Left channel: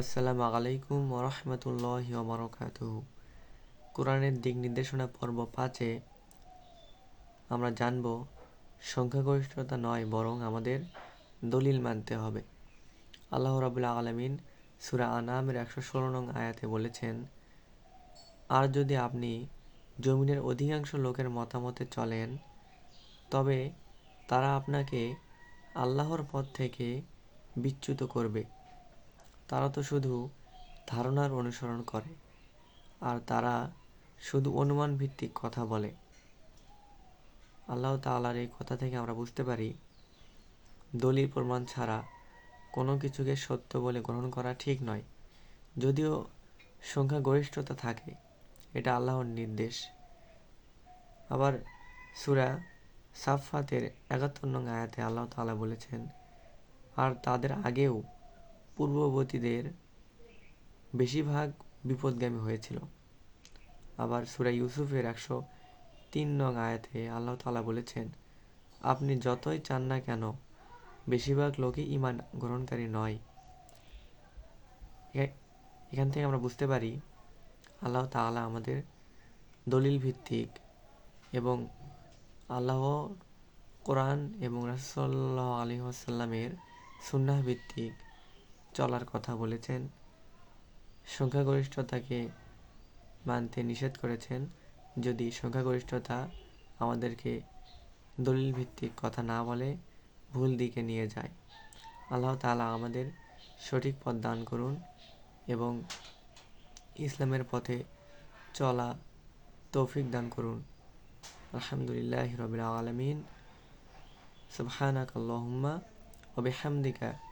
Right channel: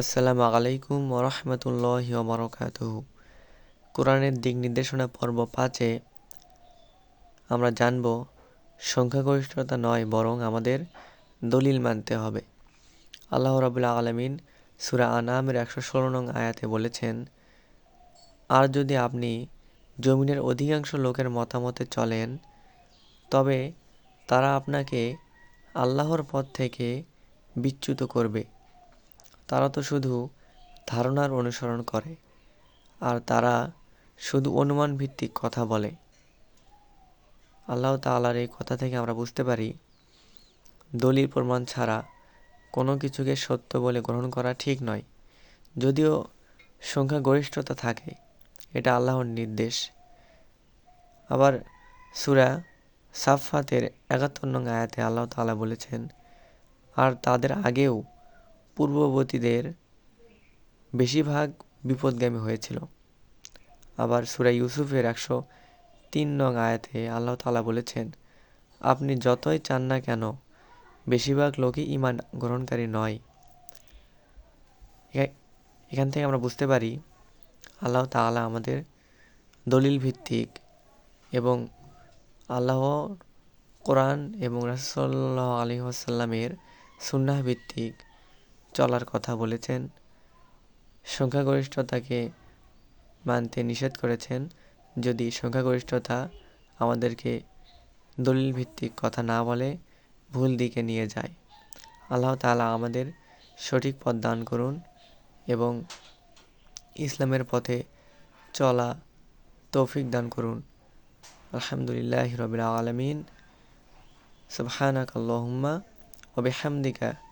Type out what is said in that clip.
আসসালামু আলাইকুম ওরহমতুল্লাহ বরকাত কোরআনের দিক নির্দেশনা পর্ব পাঁচে আমরা জানব, সংখ্যাগরিষ্ঠতা নয়, বরং আমাদের দলিল মানতে হবে। আল্লাহ রাবুল্লাহ আলমিন সুরা আনামের একশো ষোলো নং আয়াতে বলেছেন, আর যদি আপনি জমিনের অধিকাংশ লোকের মতামতে চলেন, তবে তারা আপনাকে আল্লাহর পথ থেকে বিচ্যুত করবে। তারা তো শুধু ধারণার অনুসরণ করে, আর তারা শুধু অনুমান ভিত্তিক কথা বলে। আল্লাহ তালার এই কথা থেকে আমরা বুঝতে পারি, দলিল প্রমাণ ছাড়া কোনো কিছুকে সত্য বলে গ্রহণ করা ঠিক নয়। যদিও সংখ্যাগরিষ্ঠতা থাকে, এটা আল্লাহর নির্দেশ। আবার সুরা সাফাতের একাত্তর নং আয়াতে আল্লাহ তালা বলেছেন, আর তাদের আগেও পূর্ববর্তীদের বেশিরভাগ বিপদগামী হয়েছিল। আবার সুরা ইউসুফের একশো তিন নং আয়াতে আল্লাহ তালা বলেছেন, আপনি যতই চান না কেন, বেশিরভাগ লোকই ইমান গ্রহণকারী নয়। এখান থেকে আমরা বুঝতে পারি, আল্লাহ তালা আমাদের দলিল ভিত্তিক এবং আল্লাহ কোরআন এবং রাসল্লাহ আলী আসাল্লামের সুন্নাহ ভিত্তিক চলার কথা বলেছেন। সংখ্যাগরিষ্ঠতাকে মানতে নিষেধ করেছেন। যদি সংখ্যাগরিষ্ঠতা আমাদেরকে দলিল ভিত্তিক কথা না বলে, ভুল দিকে নিয়ে যায়। আল্লাহ তালা আমাদের সঠিক পথ দান করুন এবং ইসলামের পথে চলা তৌফিক দান করুন। আলহামদুলিল্লাহ রবিল আলমিন। সুবহানাক আল্লাহুম্মা ওয়া